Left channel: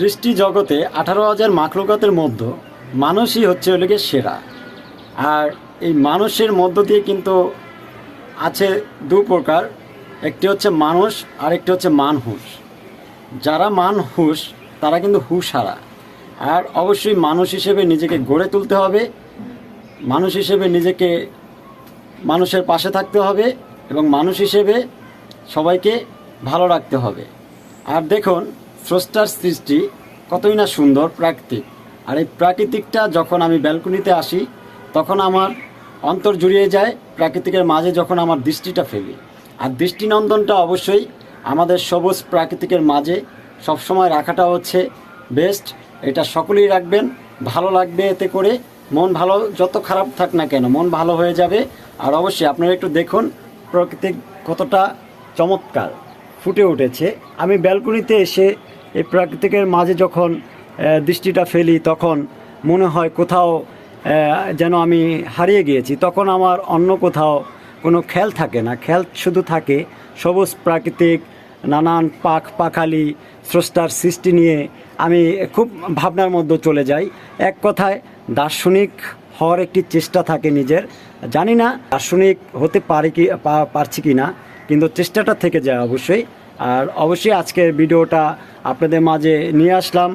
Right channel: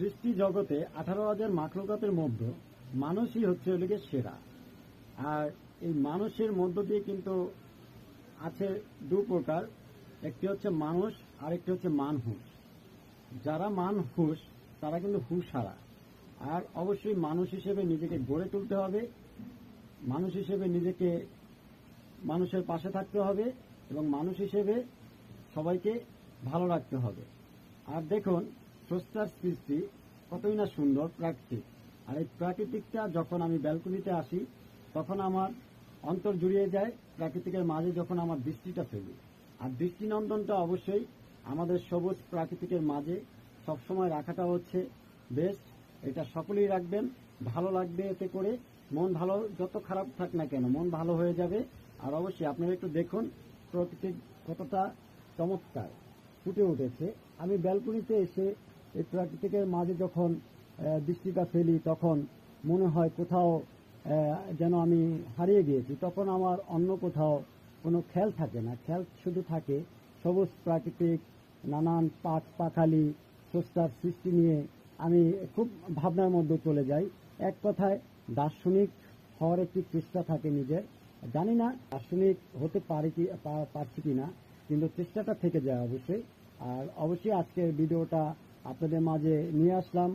সৃষ্টি জগতে আঠারো হাজার মাখলুকাতের মধ্যে মানুষই হচ্ছে ওলিকে সেরা। আর এই মানুষের মধ্য দিয়ে কিন্তু আছে দু প্রকার, একটি হচ্ছে মানুষ আর একটি হচ্ছে মানহুস যারা মানহুস তারা কিন্তু হুশ হারা আর অবশ্যই মানুষ হিসেবে নিজেকে গড়ে তুলতে হবে, মানুষ হিসেবে নিজেকে মানুষের পাশে থাকতে হবে এবং মানুষ হিসেবে সবাইকে ভালো রাখতে হবে। আর দেখুন স্রষ্টার সৃষ্টি কতই না সুন্দর প্রাকৃতিক। আর এই প্রাকৃতিকটা যখন আমি ব্যালকনিতে আসি, তখন আমার অন্তর জুড়িয়ে যায় প্রাকৃতিকের মাঝে যখন আমার দৃষ্টিটা ফেলি। আর দৃষ্টিনন্দনটা অবশ্যই আমাদের সবুজ প্রাকৃতিকের মাঝে সবসময় রাখাটা হচ্ছে বেস্ট এটা সকলেই রাখবেন, ভালো লাগবে এতে করে। মন ভালো, যত খারাপ থাক না কেন, মন ভালো হয়ে যাবে। আর অবশ্যই আপনারা একটু দেখুন প্রকৃতি কতটা চমৎকার। ফুটে উঠেছে। আমি ব্যালকনিতে এসে এই প্রাকৃতিকের মাঝে যখন দৃষ্টিটা ফেলি, তখন মনে হয় কোথাও যেন আমি হারিয়ে গিয়েছি। তখন আমার অন্য কোথাও কোনো খেয়াল থাকে না। খেল শুধু থাকে সবুজ প্রাকৃতিক, নানান পাখ পাখালি, স্রষ্টার সৃষ্টি নিয়ে আমি খুব ভাবনার মধ্যে চলে যাই। এক কথায়, দার্শনিক হওয়ার একটি চেষ্টা থাকে নিজের। জানি না দার্শনিক হতে পারি কি পারছি কি না কিন্তু চেষ্টাটা থেকে যায় অবশ্যই। আর অবশ্যই আজকের ভিডিওটা আপনাদের মাঝে নিয়ে আসলাম।